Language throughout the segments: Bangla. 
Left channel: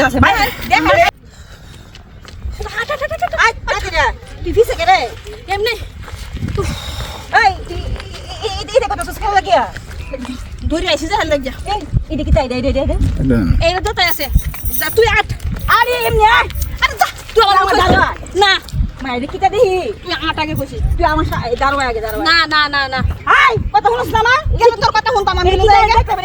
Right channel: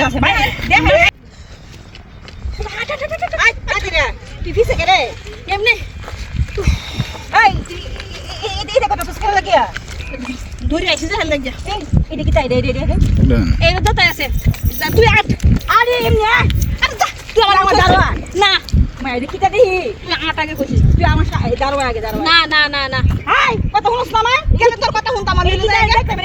কিছু আছে ভাই তুই ফিসে গেলে এমনি এই এটা কত সুস্কার লাগিয়া ধরে আইছিস যা লাগিয়া এটা কি তাই এইটা তো তাই আছে তুই আরে এমনি আরে যা তুই আমার দাঁড়া না মায়ের কিটা দেখি তুই আটাকে কইছিস তুই আমার দাঁড়া আগে দাঁড়া না না না না হাই কথা শুনছ না গেলে তোর কথা শুনতাম আমি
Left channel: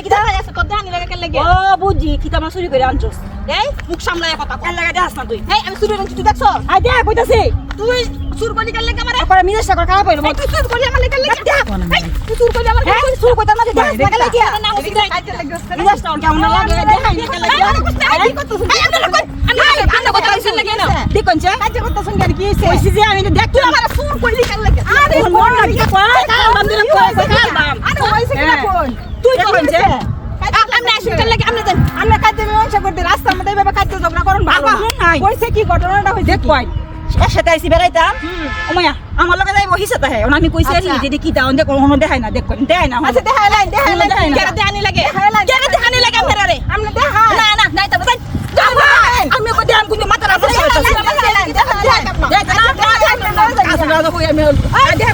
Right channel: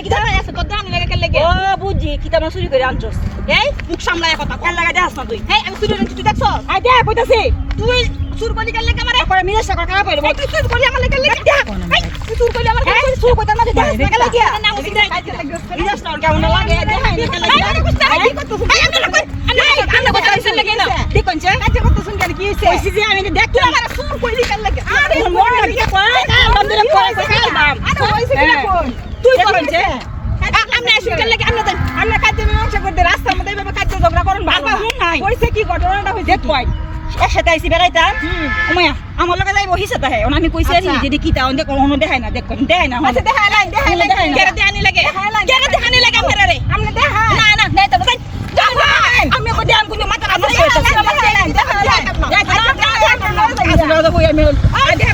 কি দাঁড়া আছে কত আনি লাগে কেন লাগে ও বুঝি কিটা মাছ চুরি করে আনছস এই মুখ সামলায় কথা কেন লাগা দেখাস না তুই এই আমি চুরি করছি তুই দেখছস আই দেখ কইতাছি তুই চুর করলি কেন লাগে আমারে পরে মিজাজ করে খারাপ হইলো তুই চুর করলি আমার লাগে দেখ তুই চুর করলি আমার কাছে চুর করতে না দেখ না লাগে না মুখ দেখ মিজাজ না কেমন লাগে দেখ না লাগে কি করতেছ আমি কথা হইছে লাগে না দেখুন যে কাজ করতেছ কেন কি হইছে কইছি যে আমি দেখ তুই আমার চুর করলি কেন লাগে আরে মন লাগে কই কাল বন্ধরে কই কাল বাম আরে হইছে কি কোন তুই কোন যে আমি আসি কেন লাগে আমি কাজে ব্যবসা করতে রাস্তার মধ্যে এভাবে কাজে ঝগড়া করুন বাবা নাই কইছে কি ঘটনাটা হইছে দেখ কই একসাথে আইছি বেড়াইতাম ওমায়া আমার লগে যাইব হিসাতে হয় আমি কইছি যে কি দাও দেখ কোনো দেখাই না দেখ দেখাই না আচ্ছা দেখাই না কেন দেখানি লাগে কেন দেখানি লাগে ফেরারে আমরা দেখা না না নাই তো ভাই আমি কো দেন কোন মাথা রাখছ দেখ না আসলে দাদা কই আমি দেখ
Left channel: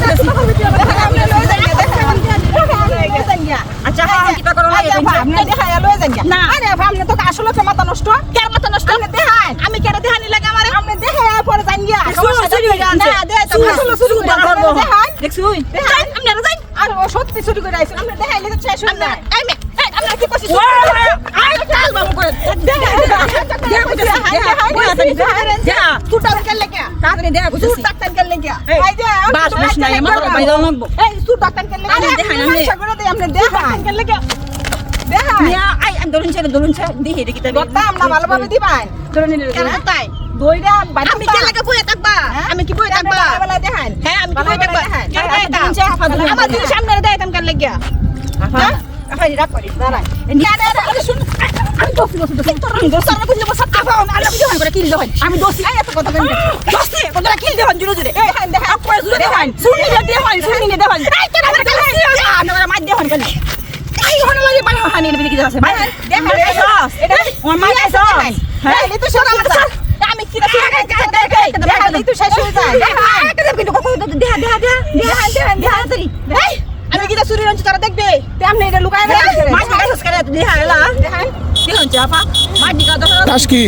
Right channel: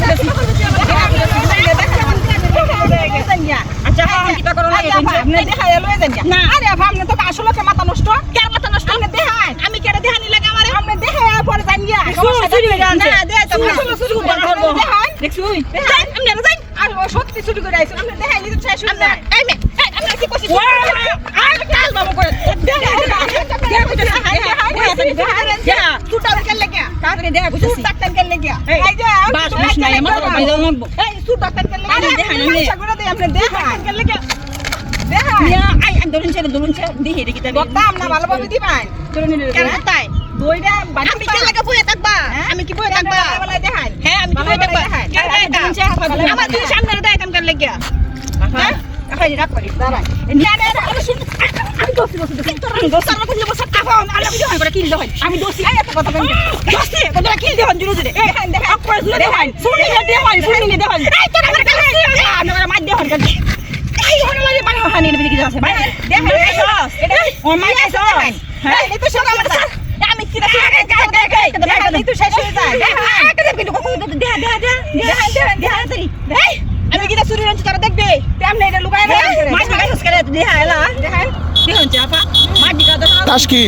আচ্ছা আমি কি করব লাগে আপনি দেখাই লয়ে যান না আরে আপনি তো আসলে মাথা নষ্ট কেন মাথা নষ্ট আপনি দেখাই আমি কেন দেখানি লাগে আমারে আপনি দেখাই পরে যান গিয়া চুরি হয়ে যাচ্ছে না দেখ চুরি করব দেখ চুরি দেখাই আপনি যাই আর সত্যি চুরি করে আইছেন আপনি দেখাইলে তো শেষ হয়ে যায় এই মে আপনি কি কইছিস আই কাল বাবু করে দেখাই যা তুই টাকা কেন লাগে কাকরে দেখ বুঝছিস তুই টাকা কেন লাগে এই যে বাস বুঝ না আমার ভাই দাও লাগবো এই তুই টাকা কেন লাগে দেখাই না আপনি দেখাই কেন লাগে দেখাই আই দরুন ছে দেখি দেখি তাই বলতাম না ভালোভাবে দিবাই দরুন কেন তাই দইরা আমি কি লাগা বইয়া থাকবা আমি কি বইয়া থাকবা বলা দেখাই হ্যাঁ আমি কি বইয়া থাকবা আমার দুই সামনে দেখাইতাম কেন লাগিয়া হ্যাঁ আই রাখ করি দাঁড়াই না না আরে শুন আমি দোস্তি তোর দোস্তার না কইলে বসা টাকা আলা ভিডিও করে কিল দেখাই আমি দোস্তি এই এত কথা কেন দোস্তি কোনটা কিল দেখান জুরে জুরে দেখান দেখা আপনি জুরে দেখান শুনি দেখান এই তোর আমার কাছে না মার দেখান কেন এই হন লাগে বাড়ি হানি এর ভিতরে কি আছে ভাই দেখান এটা ও মার কাছে হ্যাঁ এই তো সব আমি কি দেখাই তুই শেষ হয়ে যায় দেখান এটা কিন্তু কত দেখা দেখান এই আমি কি চুরি রঞ্চ তারা দেখবে তেমনি এটা লুকায় না মাছ কাছে করে দেখা এলা দেখাই কি হচ্ছে আপা মাছ দিকা দাও তাস কি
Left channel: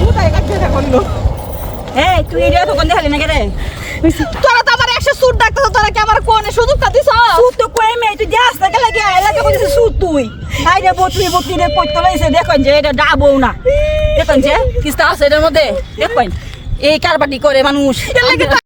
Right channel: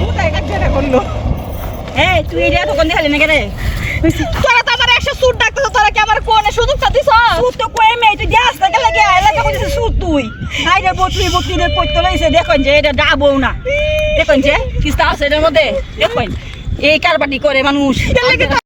কোথায় কাটতে করিলো এই তুই এটা তো কোন দেখালি না কেরে তোরা তো আমার 100 সুট ডাকতেছ তোরা কি আমার কোনে সুযোগটা দিছ সুট তো কই মে তুই যাস না কেন লাগে এলাকা কইছিস সুট তুই আইরে বতলি রে কইতে লাইছে দেখুন যে এটা ডাবো না দেখুন যে কিস্তা আছে এর মধ্যে দেখুন এই কারবাটি করে মানুষ